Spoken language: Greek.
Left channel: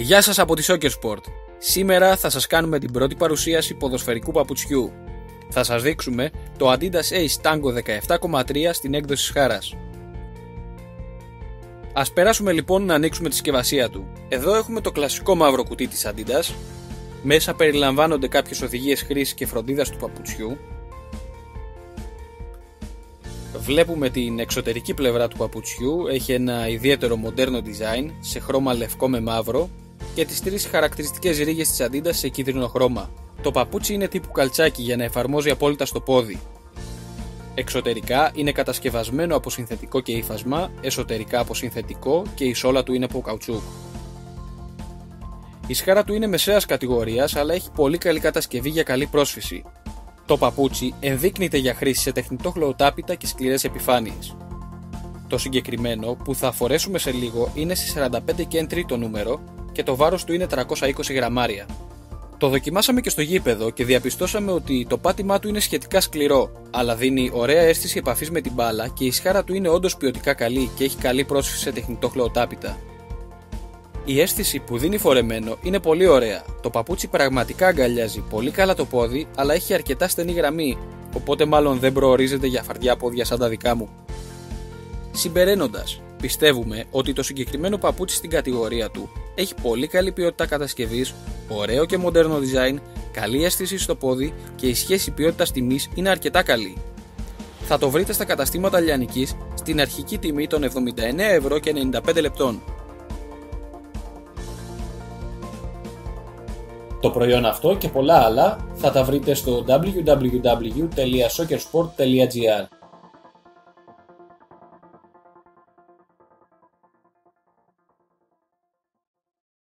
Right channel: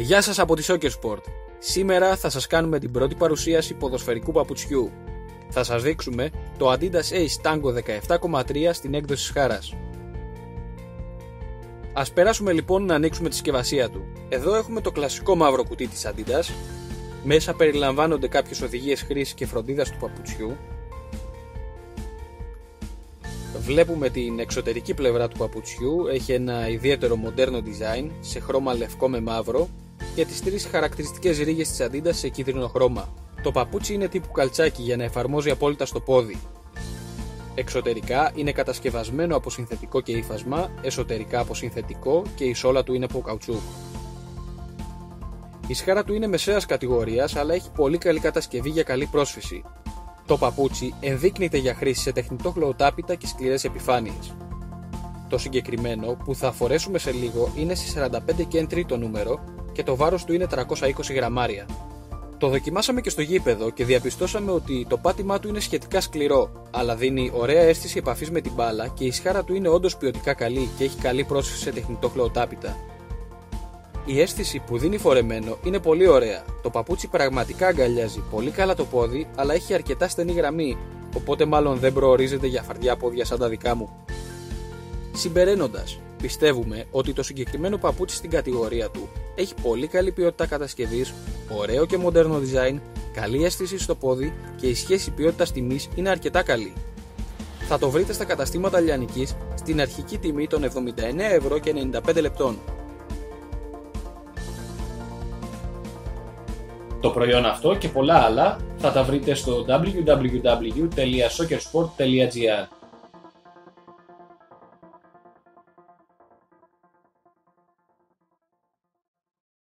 Γεια σας από τη Soccer Sport. Σήμερα θα σας κάνουμε την πρώτη παρουσίαση ποδοσφαιρικού παπουτσιού. Θα σας δείξουμε το Adidas Ace Tango 17,3 στην έκδοση χάρας. Ας περάσουμε λοιπόν να ανοίξουμε τη συσκευασία του. Εδώ έχουμε το κλασικό μαύρο κουτί της Adidas. Μέσα περιλαμβάνονται κάποιες οδηγίες χρήσης και φροντίδας του παπουτσιού. Βλέπουμε την εξωτερική πλευρά του παπουτσιού, έχει ένα ιδιαίτερο μοντέρνο design σε χρώμα λευκό με μαύρο και τις τρεις χαρακτηριστικές ρίγες της Adidas σε κίτρινο χρώμα. Το παπούτσι είναι τύπου καλτσάκι για να εφαρμόζει απόλυτα στο πόδι. Εξωτερικά είναι κατασκευασμένο από συνθετικό και ύφασμα, εσωτερικά από συνθετικό και η σόλα του είναι από καουτσούκ. Η σχάρα του είναι μεσαίας κατηγορίας, αλλά έχει πολύ καλή κατασκευή για καλή πρόσφυση. Το παπούτσι ενδείκνυται για χρήση σε τεχνητό χλωοτάπητα και σκληρές επιφάνειες. Το συγκεκριμένο που θα φορέσουμε σε λίγο είναι σε 45 και 1 τρίτο νούμερο και το βάρος του είναι 320 γραμμάρια. Το δοκιμάσαμε και στο γήπεδο και διαπιστώσαμε ότι το πάτημά του είναι σχετικά σκληρό, αλλά δίνει ωραία αίσθηση επαφής με την μπάλα και η σχάρα του είναι όντως ποιοτικά καλή και έχει καλή πρόσφυση σε τεχνητό χλωοτάπητα. Η αίσθηση που δίνει φορεμένο είναι πολύ ωραία. Το παπούτσι πραγματικά αγκαλιάζει πολύ καλά το πόδι, αλλά έχει αρκετά στενή γραμμή, οπότε μάλλον δεν προορίζεται για φαρδιά πόδια σαν τα δικά μου. Συμπεραίνοντας, πιστεύουμε ότι το συγκεκριμένο παπούτσι στην κατηγορία του έχει πολύ καλή ποιότητα κατασκευής, ωραίο και μοντέρνο design, καλή αίσθηση στο πόδι και η σχέση ποιότητας-τιμής είναι αρκετά καλή. Θα το βρείτε στα καταστήματα Λιανικής στην αρχική τιμή των 79,95 €. Το προϊόν αυτό και πολλά άλλα θα τα βρείτε στο www.soccersport.gr.